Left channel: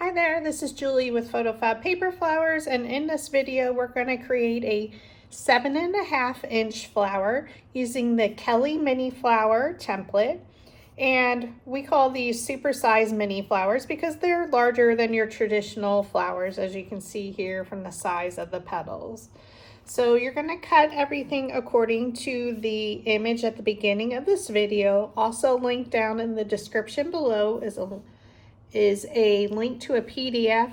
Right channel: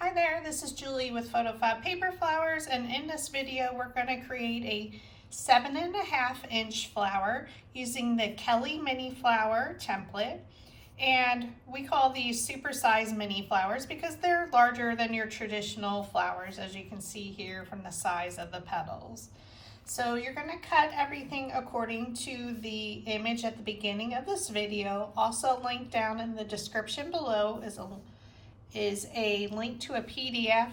Hi there, this is Julie with PhotoFabPaperFlowers, and in this video we're going to create a 7.5-inch flower using the Kelli Mini Flower Template. And we call these supersized mini flowers because they're larger than your traditional flowers, as you can see here from the size of the petals. So you're going to cut everything according to the image at the beginning of this video. Also linked down in the description below is a link to a PDF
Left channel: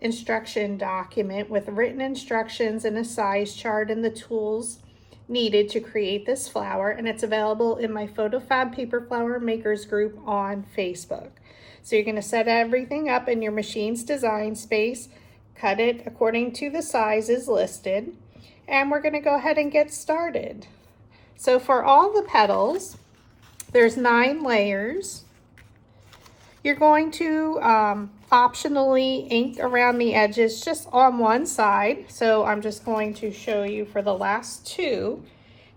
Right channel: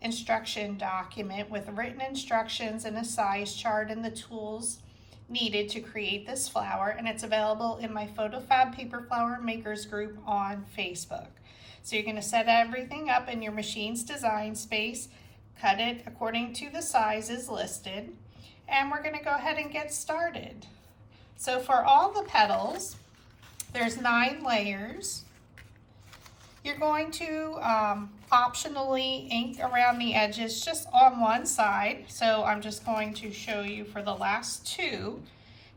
instruction document with written instructions and a size chart and the tools needed to create this flower, and it's available in my PhotoFab Paper Flower Makers group on Facebook. So you're going to set everything up in your machine's design space, cut it according to the sizes listed, and we're going to go ahead and get started. So for all the petals, there's 9 layers. You're going to optionally ink around the edges just on one side. So I'm just going to show you for the last 2.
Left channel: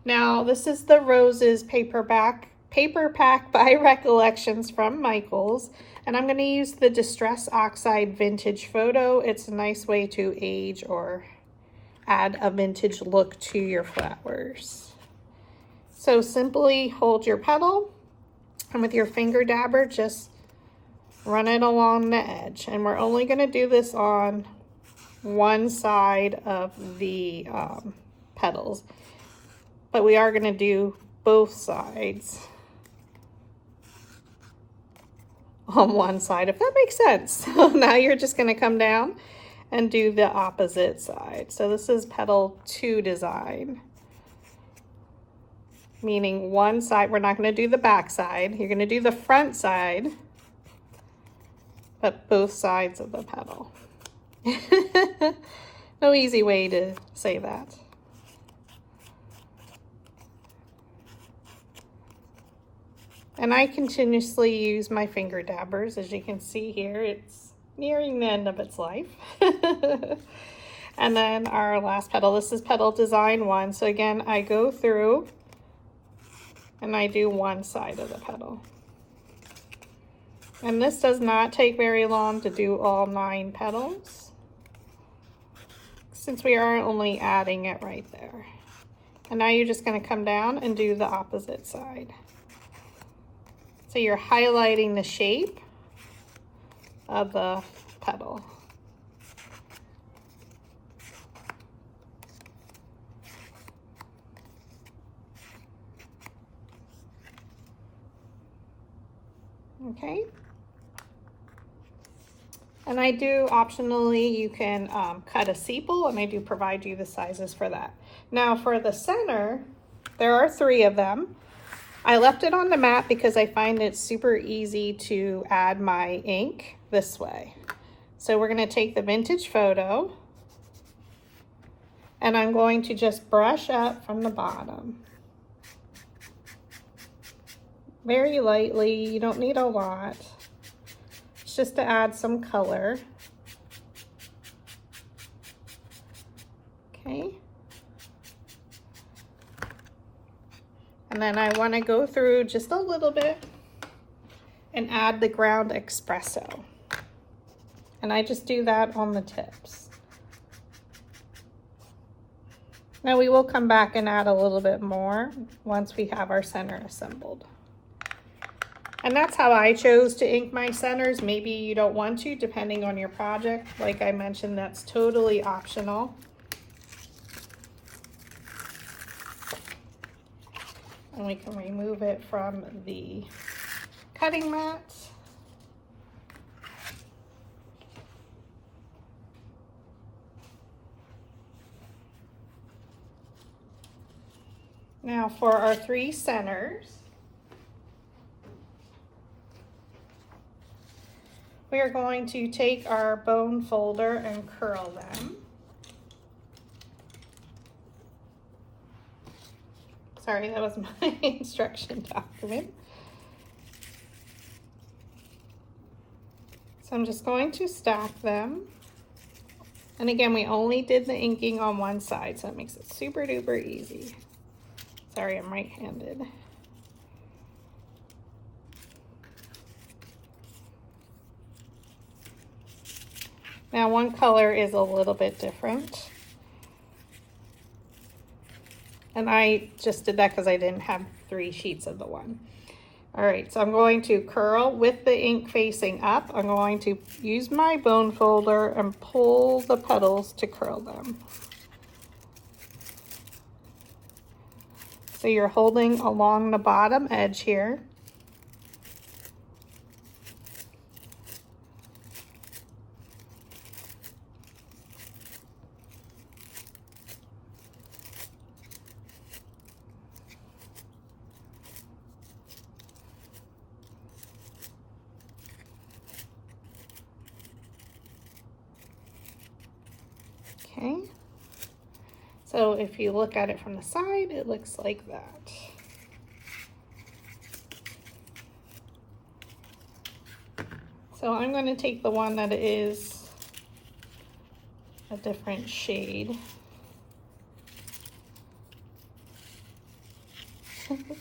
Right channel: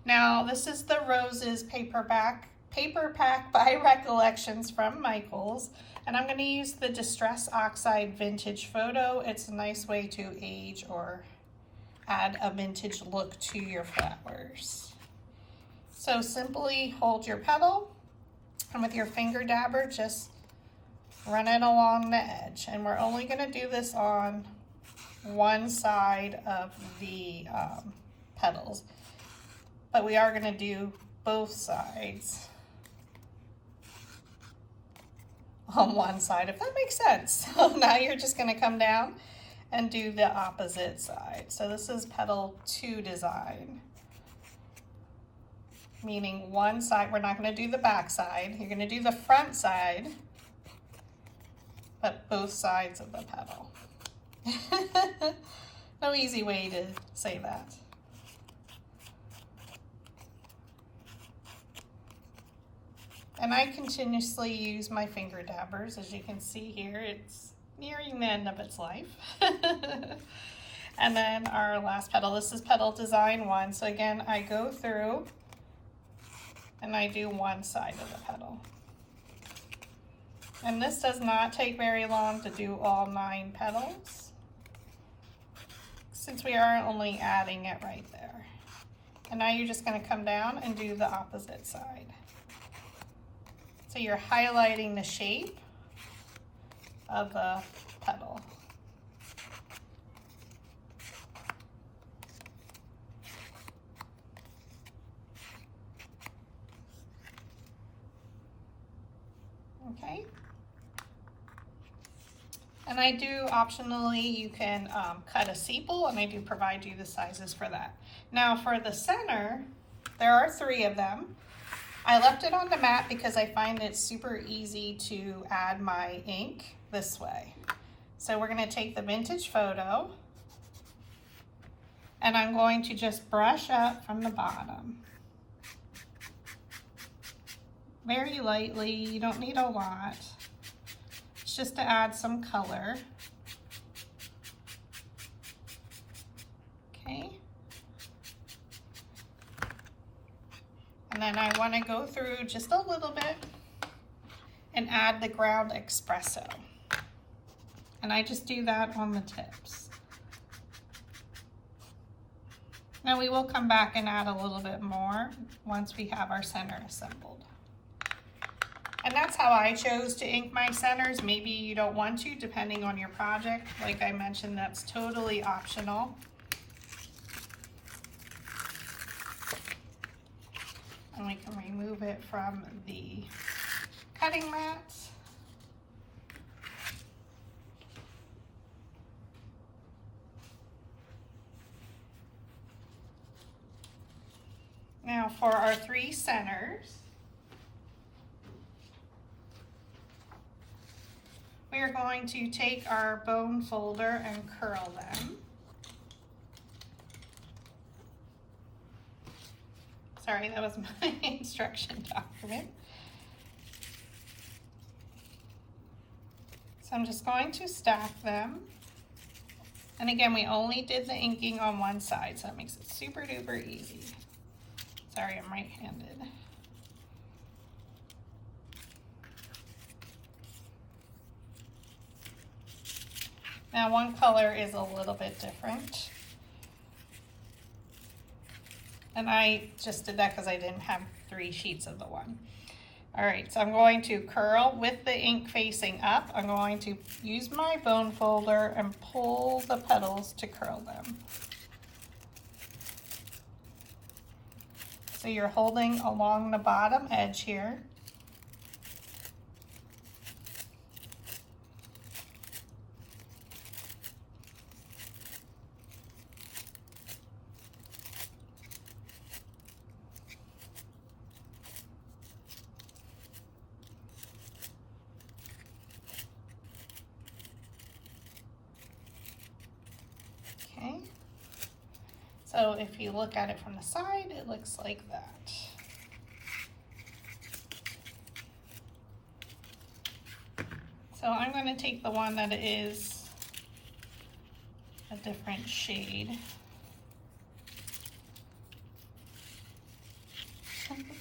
Now this is the Roses paper pack by Recollections from Michaels. And I'm going to use the Distress Oxide Vintage Photo. It's a nice way to age or add a vintage look to your flowers. So simply hold your petal and with your finger dabber just run it along the edge, and we're only going to do this on one side of the petals, but we are going to do both sides on one side, if that makes sense. So now you're just going to come down and do the opposite side. So this is petal 2 design, meaning one side. We're not going to do the back side, you're going to do the front side, but both sides of the petal. No easy way to say that. And I continuously use my finger dabbers. As you can see here, it's nearing the end of its life. And then our last petal, this is petal design 1. So again, I go through and I do one side of the petal. And this does not take very long to do all 9 petals, since we are only adding it right there. And now you're just going to come down and do the opposite side. So you're highlighting the shape of the petal. Okay. And I do optionally, you can cut a sepal, and I do provide you the sizes for that. Now for the center, there are 3 of them. I left it on the mat because I find it super easy to add my ink this way. So we're going to take the vintage photo, and I'm going to just brush up from the bottom. Very lightly, you don't need a lot. Just to add some color. Okay. And then I want to go through just a little bit and add the ground espresso. And I just do that on the tips. Now we will come back and add a little bit more once we have our center assembled. And that's how I chose to ink my centers. Maybe you don't want to, depending on your project. Like I mentioned, that's totally optional. And we can remove it from the cutting mat. Now for our 3 centers, we are going to take our bone folder and curl them. Sorry, that was my instruction document. So I'm just going to stack them. And again, we only did the inking on one side, so it makes it super duper easy. Sorry, I'm right-handed. Now one color is a little bit different. And I just did that because I didn't have 3 sheets of the one. All right, so I'm going to curl with the ink facing up. I'm going to use my bone folder and pull the petals to curl them. So you're holding along the bottom edge here. Okay, so if you look at it from the side, it looks like that. So I'm going to take the one that is a different shade. I think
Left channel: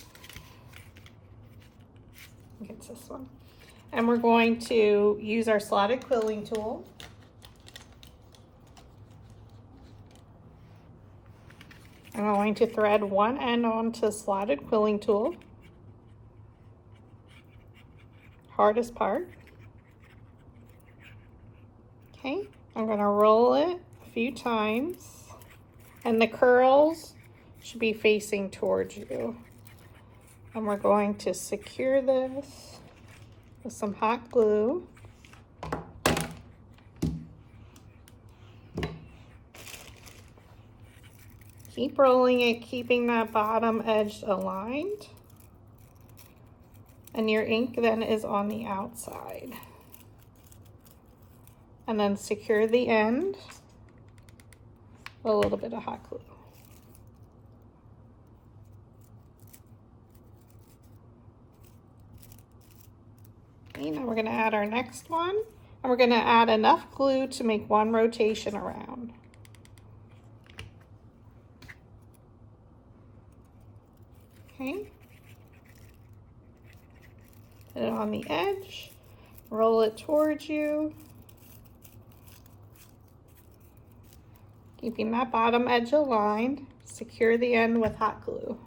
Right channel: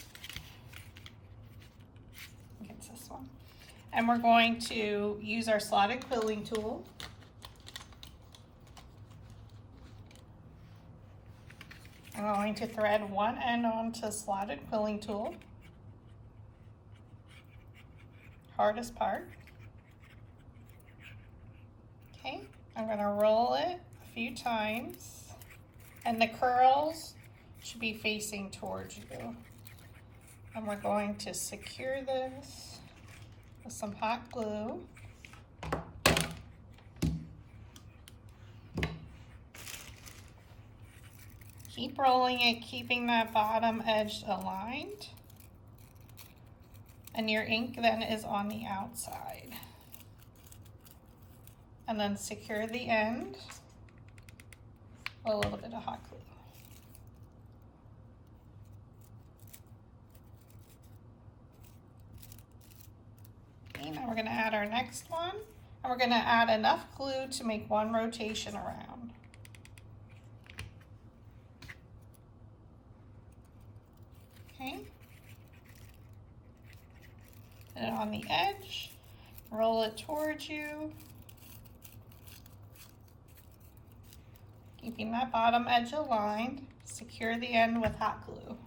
it's this one. And we're going to use our slotted quilling tool. I'm going to thread one end onto the slotted quilling tool, hardest part. Okay, I'm going to roll it a few times, and the curls should be facing towards you. And we're going to secure this with some hot glue. Keep rolling it, keeping that bottom edge aligned. And your ink then is on the outside. And then secure the end with a little bit of hot glue. Okay, now we're going to add our next one. And we're going to add enough glue to make one rotation around. Okay, put it on the edge, roll it towards you, keeping that bottom edge aligned, secure the end with hot glue.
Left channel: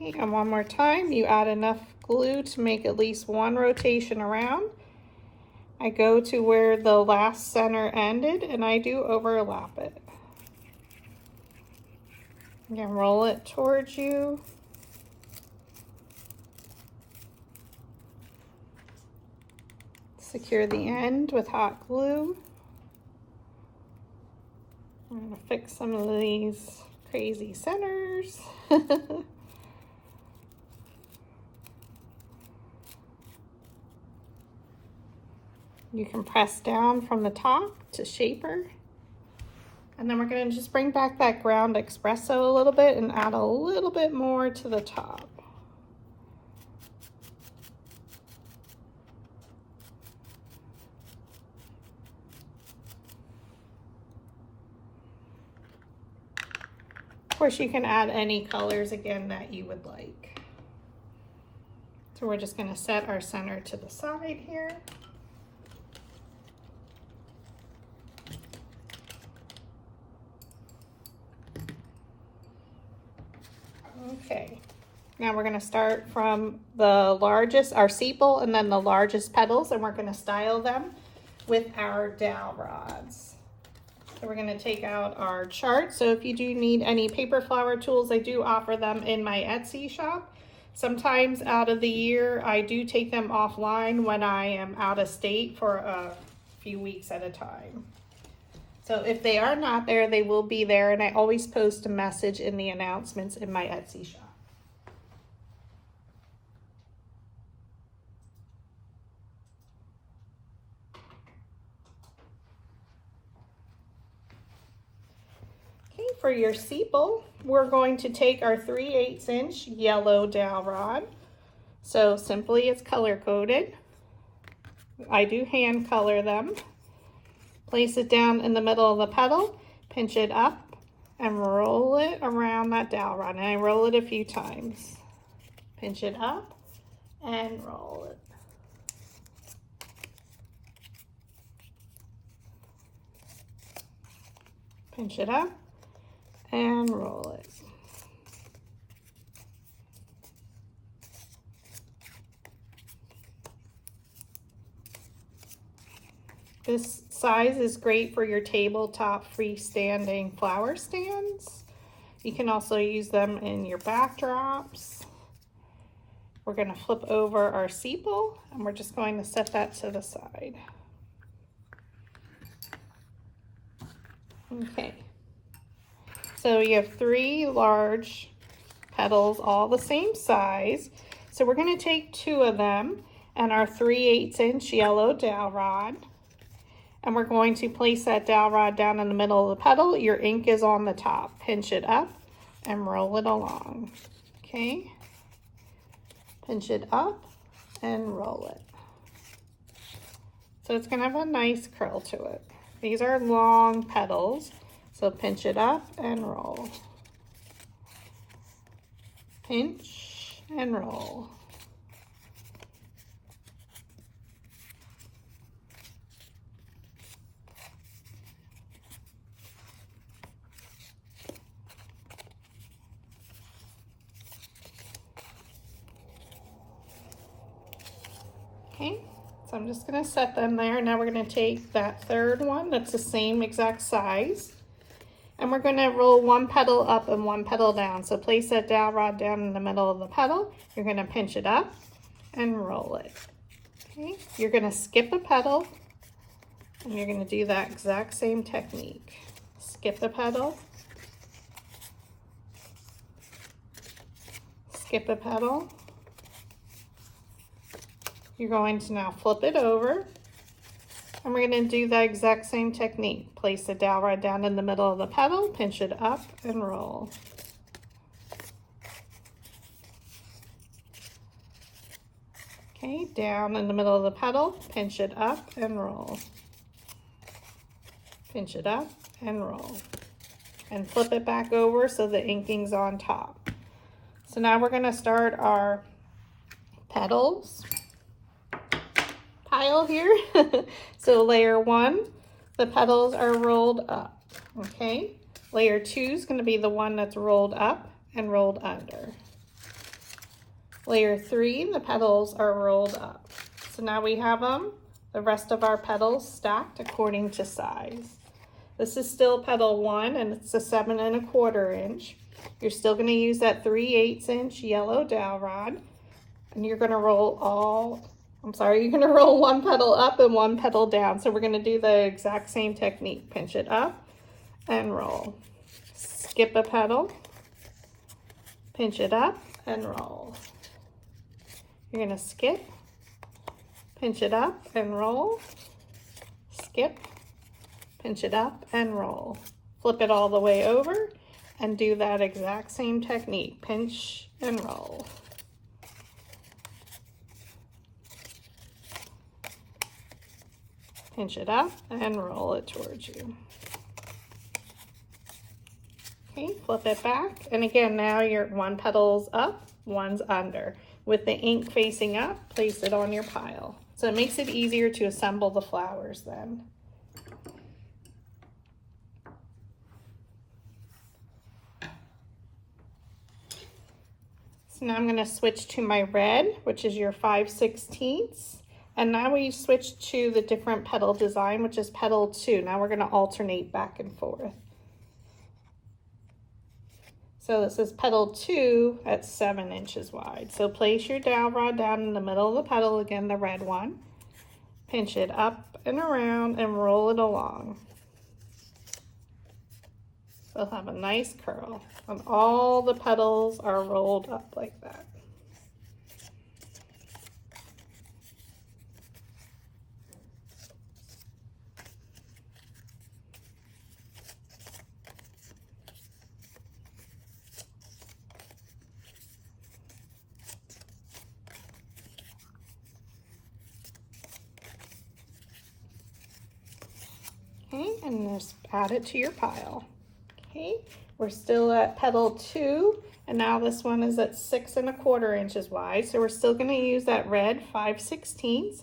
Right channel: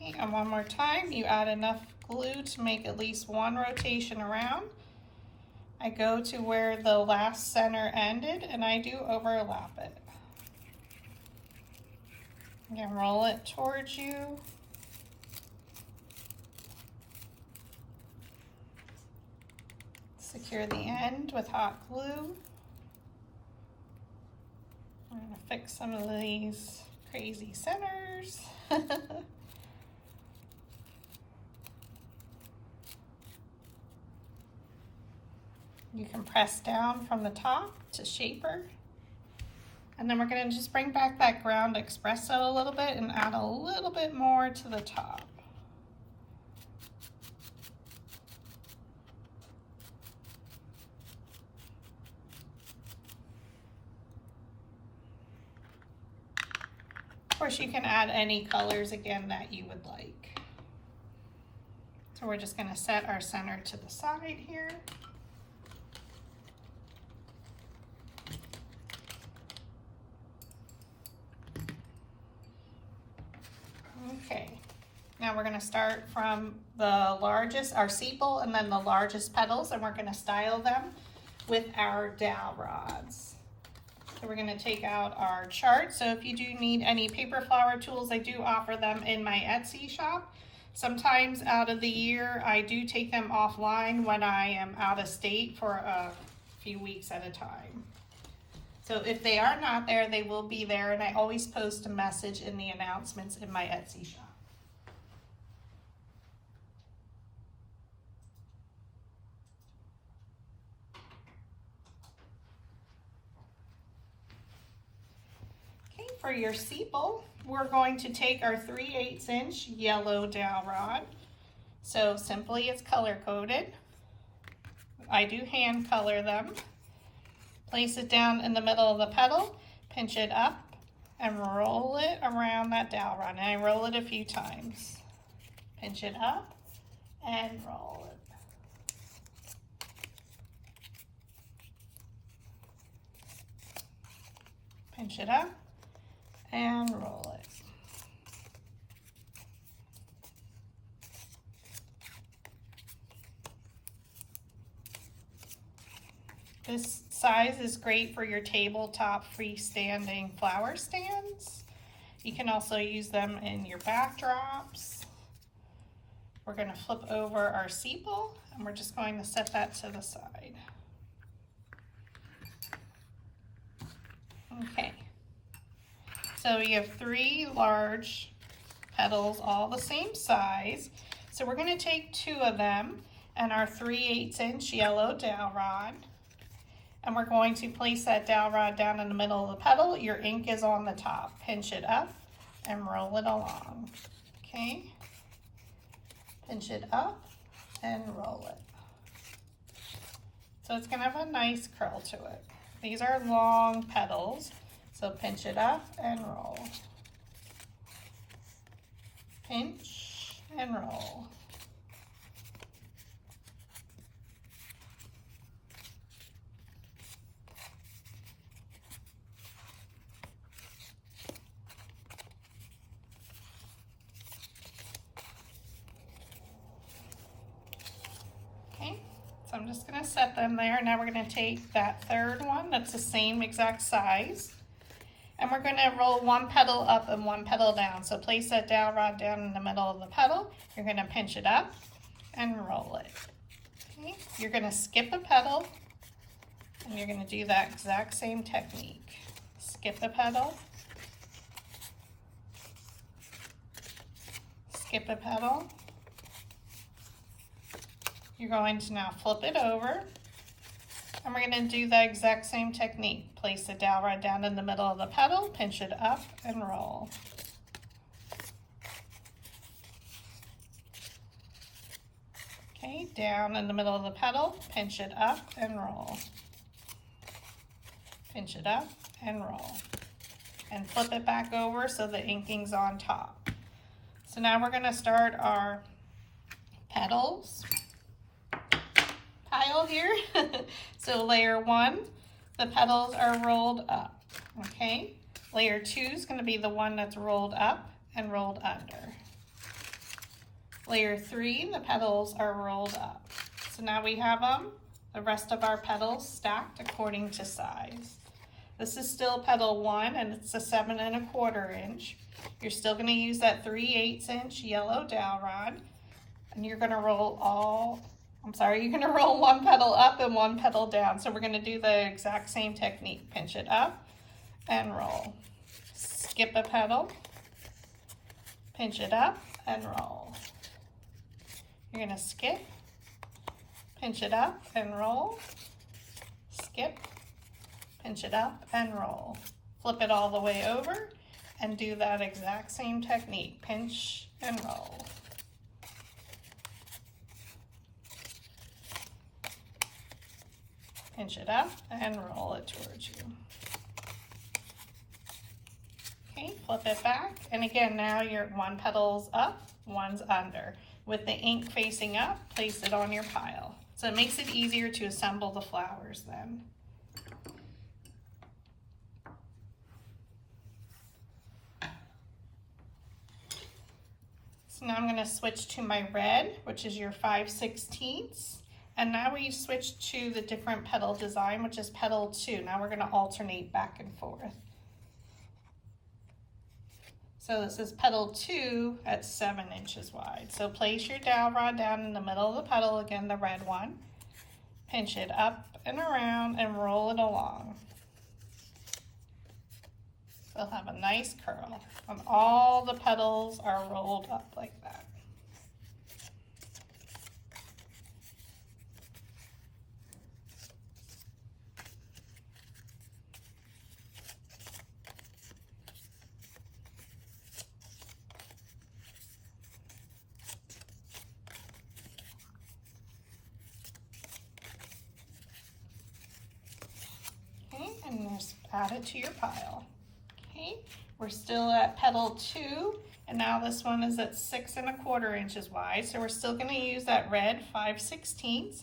Okay, and one more time, you add enough glue to make at least one rotation around. I go to where the last center ended and I do overlap it. Again, roll it towards you. Secure the end with hot glue. I'm going to fix some of these crazy centers. You can press down from the top to shape her. And then we're going to just bring back that ground espresso a little bit and add a little bit more to the top. Of course, you can add any colors again that you would like. So we're just going to set our center to the side here. Okay, now we're going to start from the largest, our sepal, and then the largest petals, and we're going to style them with our dowel rods. So we're going to take out our chart. So if you do need any paper flower tools, I do offer them in my Etsy shop. Sometimes out of the year, I do take them offline when I am out of state for a few weeks at a time. So if they are not there, they will be there, and I always post a message in the announcements in my Etsy shop. Okay, for your sepal, we're going to take our 3/8 inch yellow dowel rod. So simply it's color coded. I do hand color them. Place it down in the middle of the petal, pinch it up, and roll it around that dowel rod. And I roll it a few times. Pinch it up and roll it. pinch it up, and roll it. This size is great for your tabletop freestanding flower stands. You can also use them in your backdrops. We're going to flip over our sepal and we're just going to set that to the side. Okay, so you have 3 large petals, all the same size. So we're going to take 2 of them and our 3/8 inch yellow dowel rod. And we're going to place that dowel rod down in the middle of the petal. Your ink is on the top. Pinch it up and roll it along. Okay? Pinch it up and roll it. So it's going to have a nice curl to it. These are long petals. So pinch it up and roll. Pinch and roll. Okay, so I'm just going to set them there. Now we're going to take that 3rd one that's the same exact size, and we're going to roll 1 petal up and 1 petal down. So place that dowel rod down in the middle of the petal. You're going to pinch it up and roll it. Okay, you're going to skip a petal, and you're going to do that exact same technique. Skip the petal, skip a petal. You're going to now flip it over, and we're going to do the exact same technique. Place the dowel rod down in the middle of the petal, pinch it up, and roll. Okay, down in the middle of the petal, pinch it up, and roll. Pinch it up, and roll. And flip it back over so the inking's on top. So now we're going to start our petals pile here. So layer 1, the petals are rolled up. Okay, layer 2 is going to be the one that's rolled up and rolled under. Layer 3, the petals are rolled up. So now we have the rest of our petals stacked according to size. This is still petal 1 and it's a 7 1/4 inch. You're still going to use that 3/8 inch yellow dowel rod, and you're going to roll you're going to roll 1 petal up and 1 petal down. So we're going to do the exact same technique. Pinch it up and roll. Skip a petal, pinch it up and roll. You're going to skip, pinch it up and roll, skip, pinch it up and roll. Flip it all the way over and do that exact same technique. Pinch and roll. Pinch it up and roll it towards you. Okay, flip it back. And again, now your 1 petal's up, 1's under. With the ink facing up, place it on your pile. So it makes it easier to assemble the flowers then. So now I'm going to switch to my red, which is your 5/16. And now we switch to the different petal design, which is petal 2. Now we're going to alternate back and forth. So this is petal 2 at 7 inches wide. So place your dowel rod down in the middle of the petal, again the red one. Pinch it up and around and roll it along. So it'll have a nice curl. And all the petals are rolled up like that. Okay, and just add it to your pile. Okay, we're still at petal 2, and now this one is at 6 1/4 inches wide. So we're still going to use that red 5/16.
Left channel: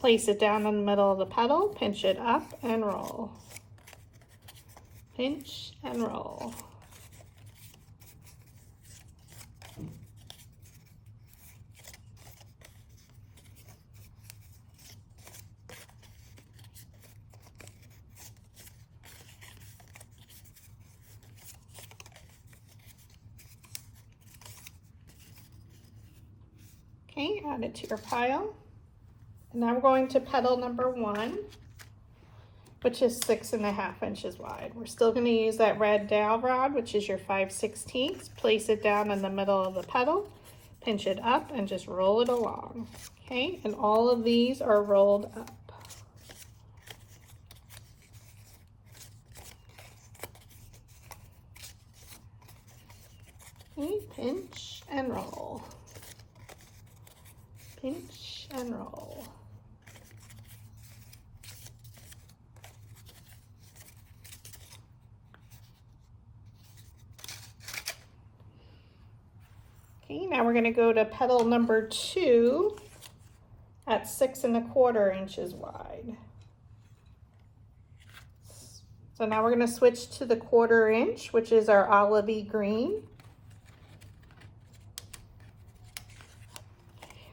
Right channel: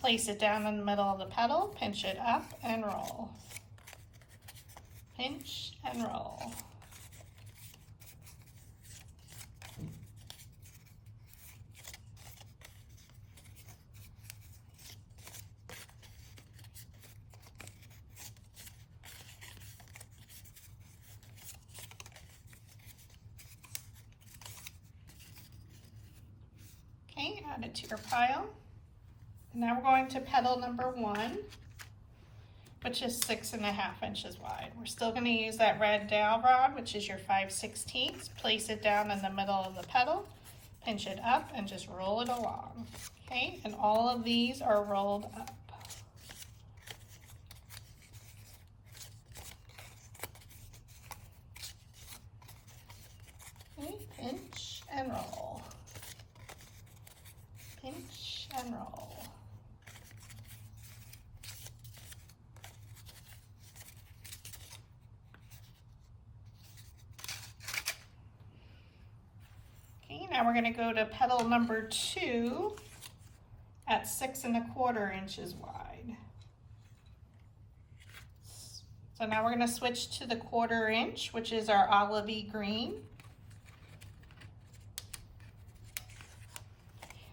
Place it down in the middle of the petal, pinch it up and roll. pinch and roll. Okay, add it to your pile. And now we're going to petal number 1, which is 6.5 inches wide. We're still going to use that red dowel rod, which is your 5/16. Place it down in the middle of the petal, pinch it up, and just roll it along. Okay, and all of these are rolled up. Okay, pinch and roll. Pinch and roll. Okay, now we're going to go to petal number 2 at 6.25 inches wide. So now we're going to switch to the 1/4 inch, which is our olivey green.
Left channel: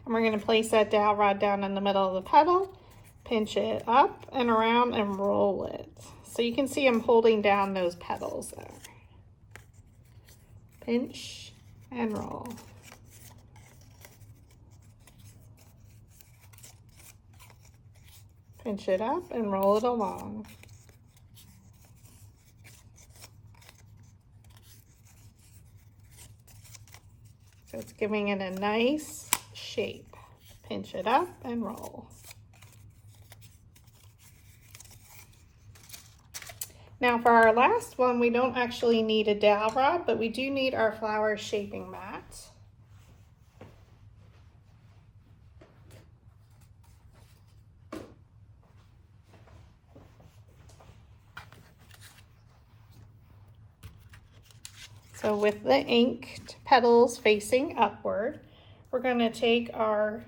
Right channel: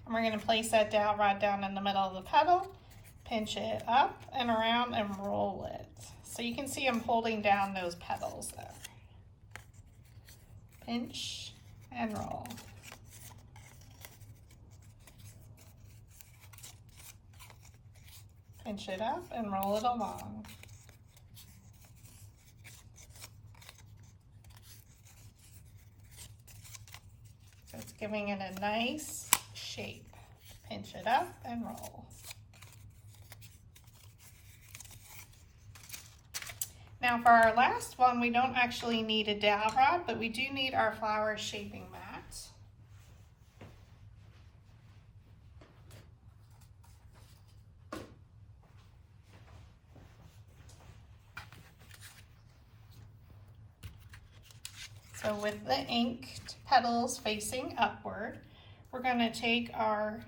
And we're going to place that dowel rod down in the middle of the petal, pinch it up and around and roll it. So you can see I'm holding down those petals there. Pinch and roll. Pinch it up and roll it along. So it's giving it a nice shape. Pinch it up and roll. Now for our last one, we don't actually need a dowel rod, but we do need our flower shaping mat. So with the inked petals facing upward, we're going to take our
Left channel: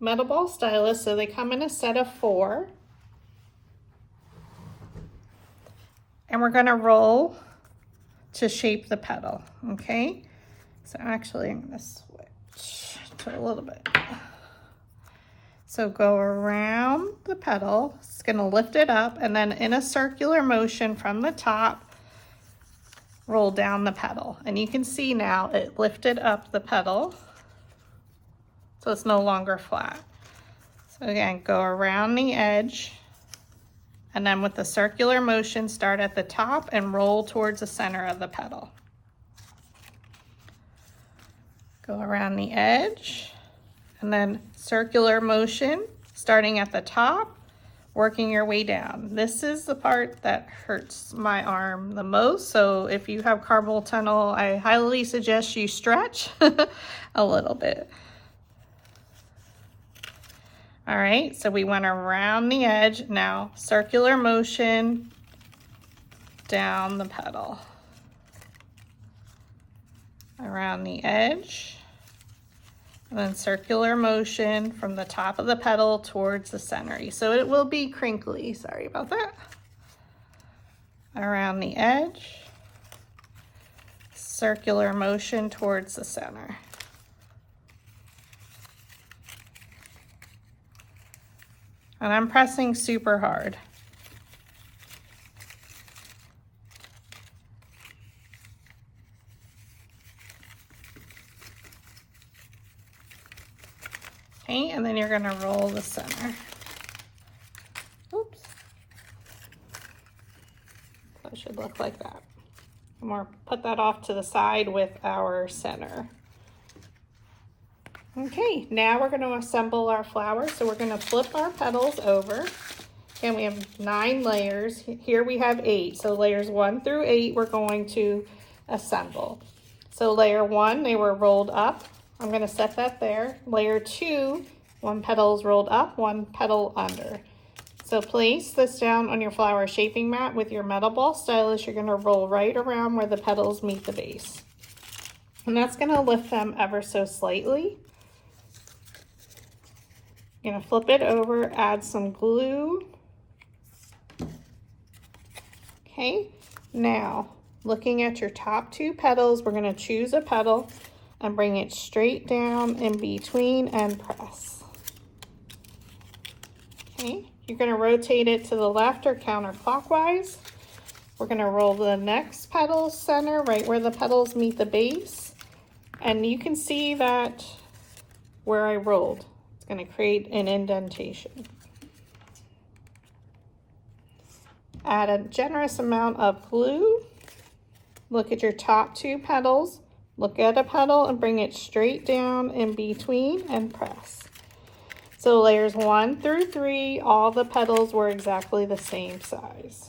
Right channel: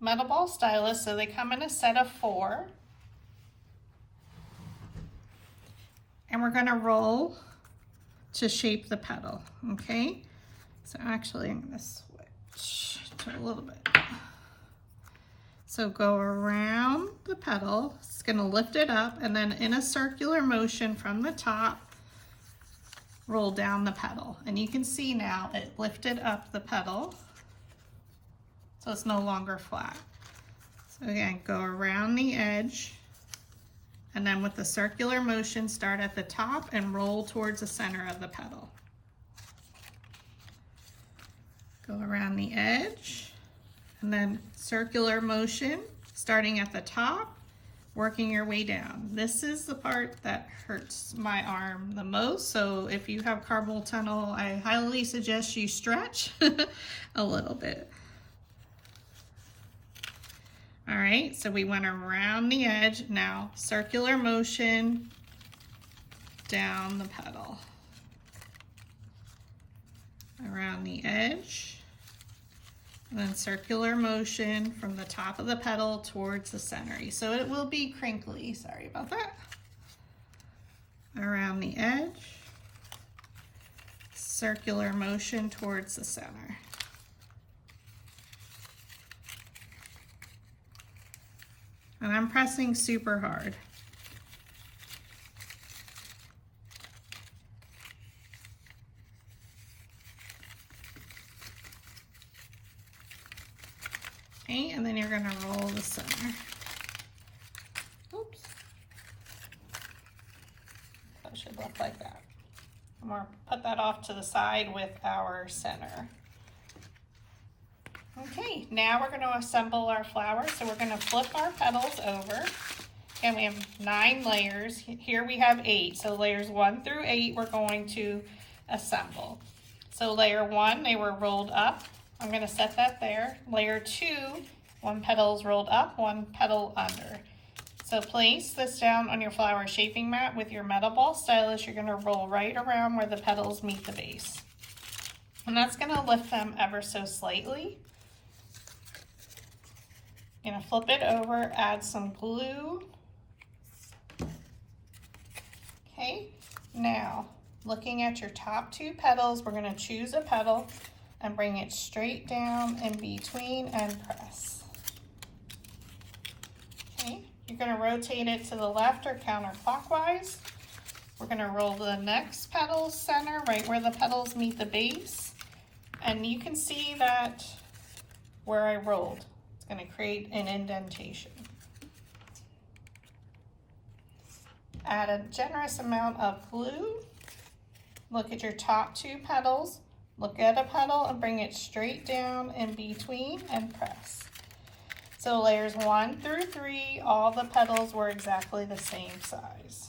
metal ball stylus, so they come in a set of 4. And we're going to roll to shape the petal, okay? So actually I'm going to switch to a little bit. So go around the petal, it's going to lift it up, and then in a circular motion from the top, roll down the petal. And you can see now it lifted up the petal, so it's no longer flat. So again, go around the edge, and then with the circular motion, start at the top and roll towards the center of the petal. Go around the edge, and then circular motion, starting at the top, working your way down. This is the part that hurts my arm the most, so if you have carpal tunnel, I highly suggest you stretch a little bit. All right, so we went around the edge. Now circular motion down the petal. Around the edge, and then circular motion from the top of the petal towards the center. So it will be crinkly, sorry about that. Around the edge, circular motion towards the center. And I'm pressing super hard. Okay, and then you're going to roll the center. Oops. That should look like that. And we'll put that off to the side with our center. Okay, now we're going to assemble our flowers. So we're going to flip our petals over. And we have 9 layers. Here we have 8. So layers 1 through 8 we're going to assemble. So layer 1, they were rolled up. I'm going to set that there. Layer 2, 1 petal is rolled up, 1 petal under. So place this down on your flower shaping mat with your metal ball stylus. You're going to roll right around where the petals meet the base. And that's going to lift them ever so slightly. You're going to flip it over, add some glue. Okay, Now, looking at your top 2 petals, we're going to choose a petal and bring it straight down in between and press. Okay, you're going to rotate it to the left or counterclockwise. We're going to roll the next petal center right where the petals meet the base. And you can see that where I rolled, it's going to create an indentation. Add a generous amount of glue. Look at your top 2 petals. Look at a petal and bring it straight down in between and press. So layers 1 through 3, all the petals were exactly the same size.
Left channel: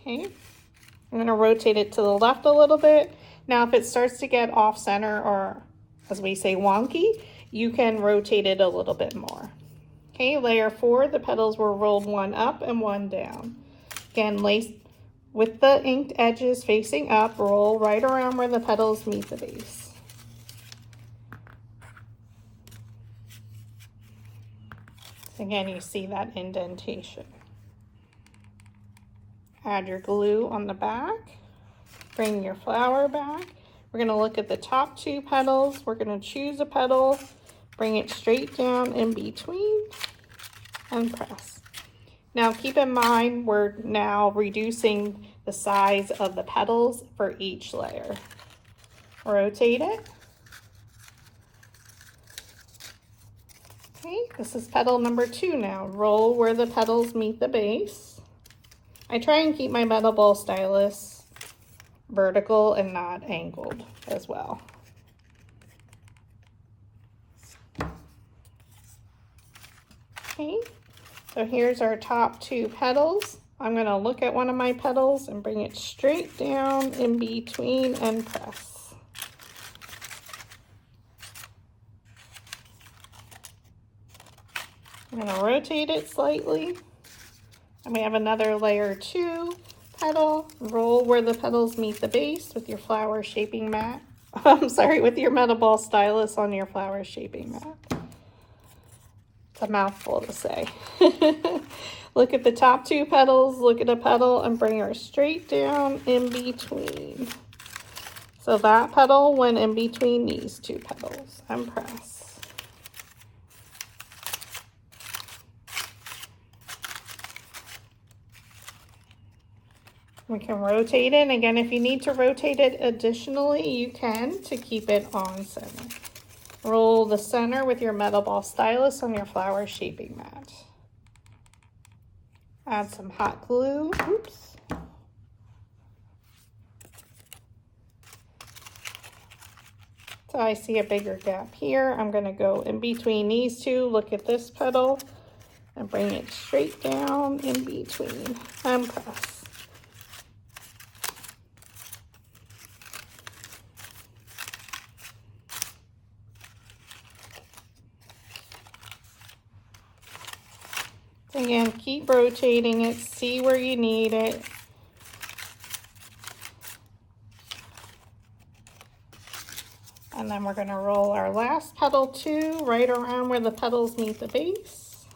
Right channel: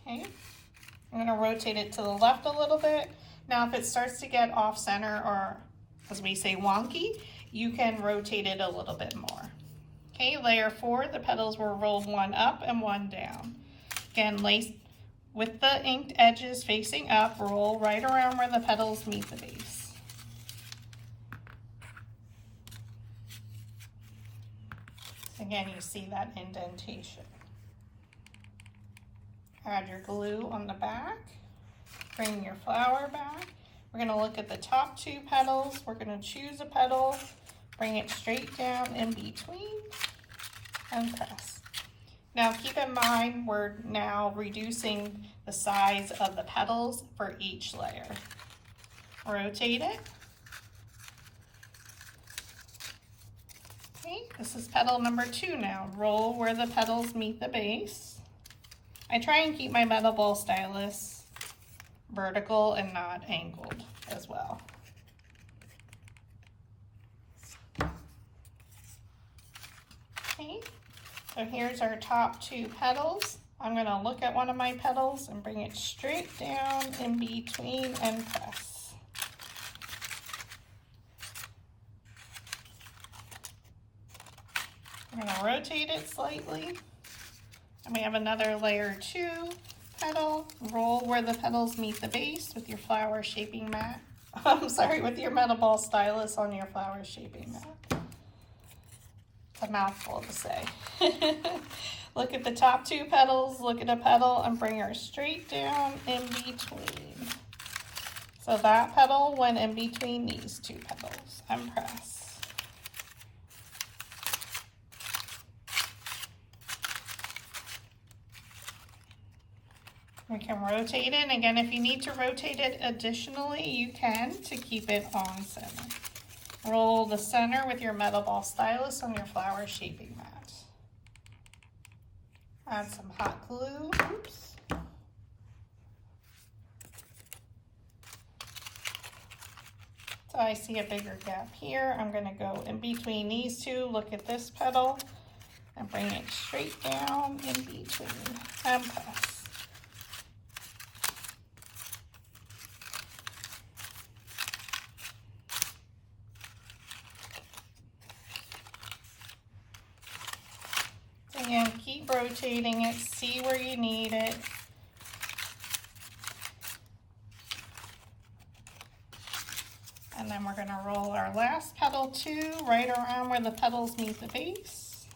Okay, I'm going to rotate it to the left a little bit. Now if it starts to get off center, or as we say wonky, you can rotate it a little bit more. Okay, layer 4, the petals were rolled 1 up and 1 down. Again, lace with the inked edges facing up, roll right around where the petals meet the base. Again, you see that indentation. Add your glue on the back. Bring your flower back. We're going to look at the top 2 petals. We're going to choose a petal, bring it straight down in between, and press. Now keep in mind, we're now reducing the size of the petals for each layer. Rotate it. Okay, this is petal number 2 now. Roll where the petals meet the base. I try and keep my metal ball stylus vertical and not angled as well. Okay, so here's our top 2 petals. I'm going to look at one of my petals and bring it straight down in between and press. I'm going to rotate it slightly. And we have another layer 2 petal. Roll where the petals meet the base with your flower shaping mat. I'm sorry, with your metal ball stylus on your flower shaping mat. It's a mouthful to say. Look at the top 2 petals, look at a petal, and bring her straight down in between. So that petal went in between these 2 petals, and press. We can rotate it, and again, if you need to rotate it additionally, you can to keep it on center. Roll the center with your metal ball stylus on your flower shaping mat. Add some hot glue. Oops. So I see a bigger gap here. I'm going to go in between these 2. Look at this petal and bring it straight down in between and press. Again, keep rotating it, see where you need it. And then we're going to roll our last petal 2 right around where the petals meet the base.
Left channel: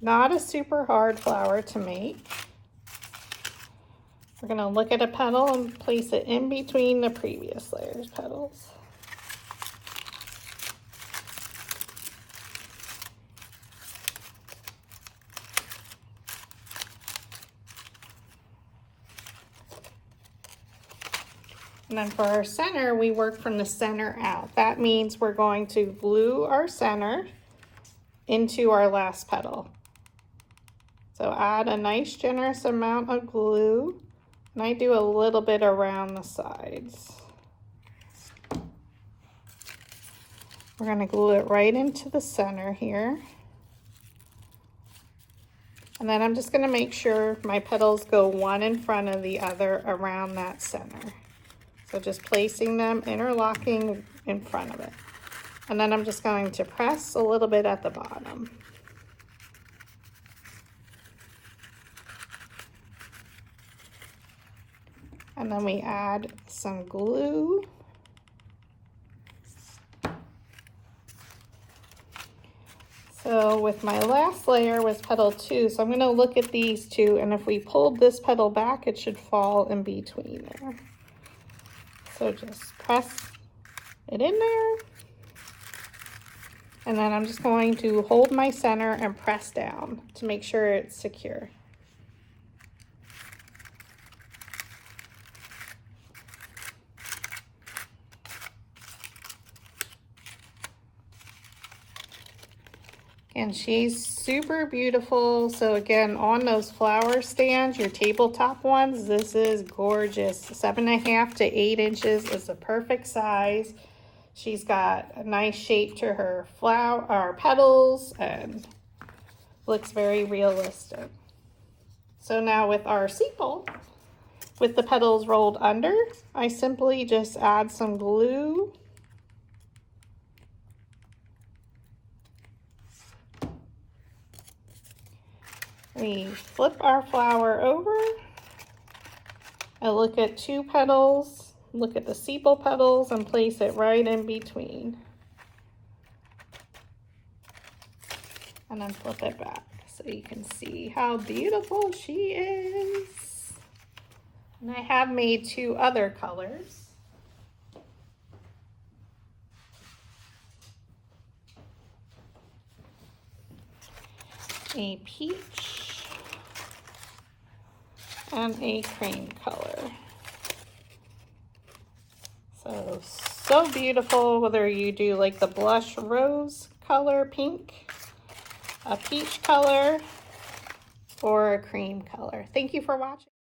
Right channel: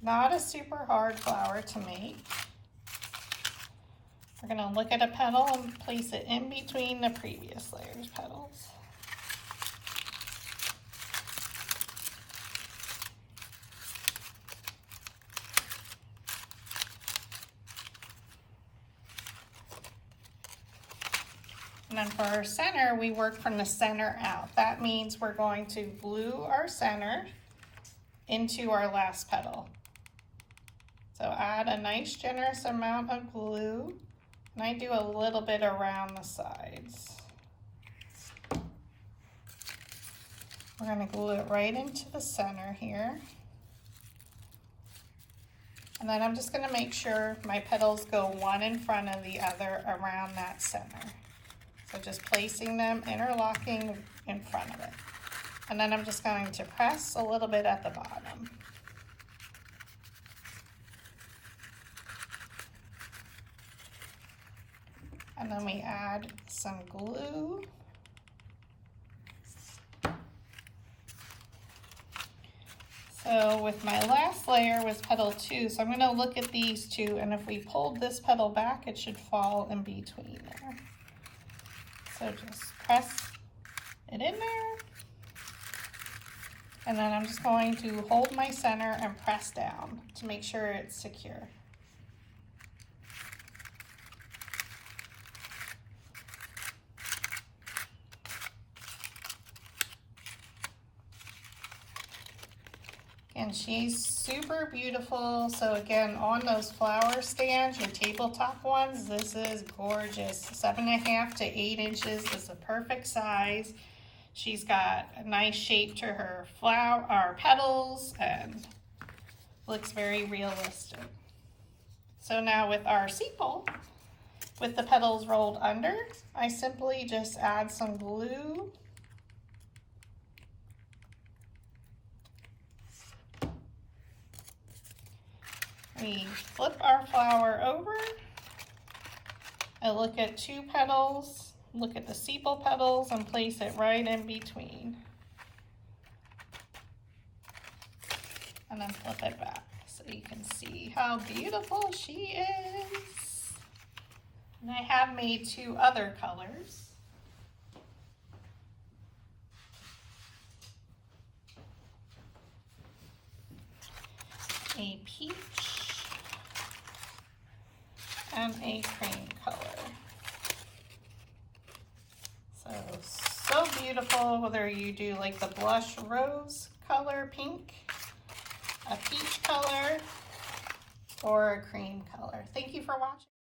Not a super hard flower to make. We're going to look at a petal and place it in between the previous layer's petals. And then for our center, we work from the center out. That means we're going to glue our center into our last petal. So add a nice generous amount of glue, and I do a little bit around the sides. We're going to glue it right into the center here. And then I'm just going to make sure my petals go one in front of the other around that center. So just placing them, interlocking in front of it. And then I'm just going to press a little bit at the bottom. And then we add some glue. So with my last layer was petal 2, so I'm going to look at these two, and if we pulled this petal back, it should fall in between there. So just press it in there, and then I'm just going to hold my center and press down to make sure it's secure. And she's super beautiful. So again, on those flower stands, your tabletop ones, this is gorgeous. 7.5 to 8 inches is the perfect size. She's got a nice shape to her flower, or petals, and looks very realistic. So now with our sepal, with the petals rolled under, I simply just add some glue. We flip our flower over and look at 2 petals, look at the sepal petals, and place it right in between. And then flip it back so you can see how beautiful she is. And I have made 2 other colors. A peach and a cream color. So beautiful, whether you do like the blush rose color pink, a peach color, or a cream color. Thank you for watching.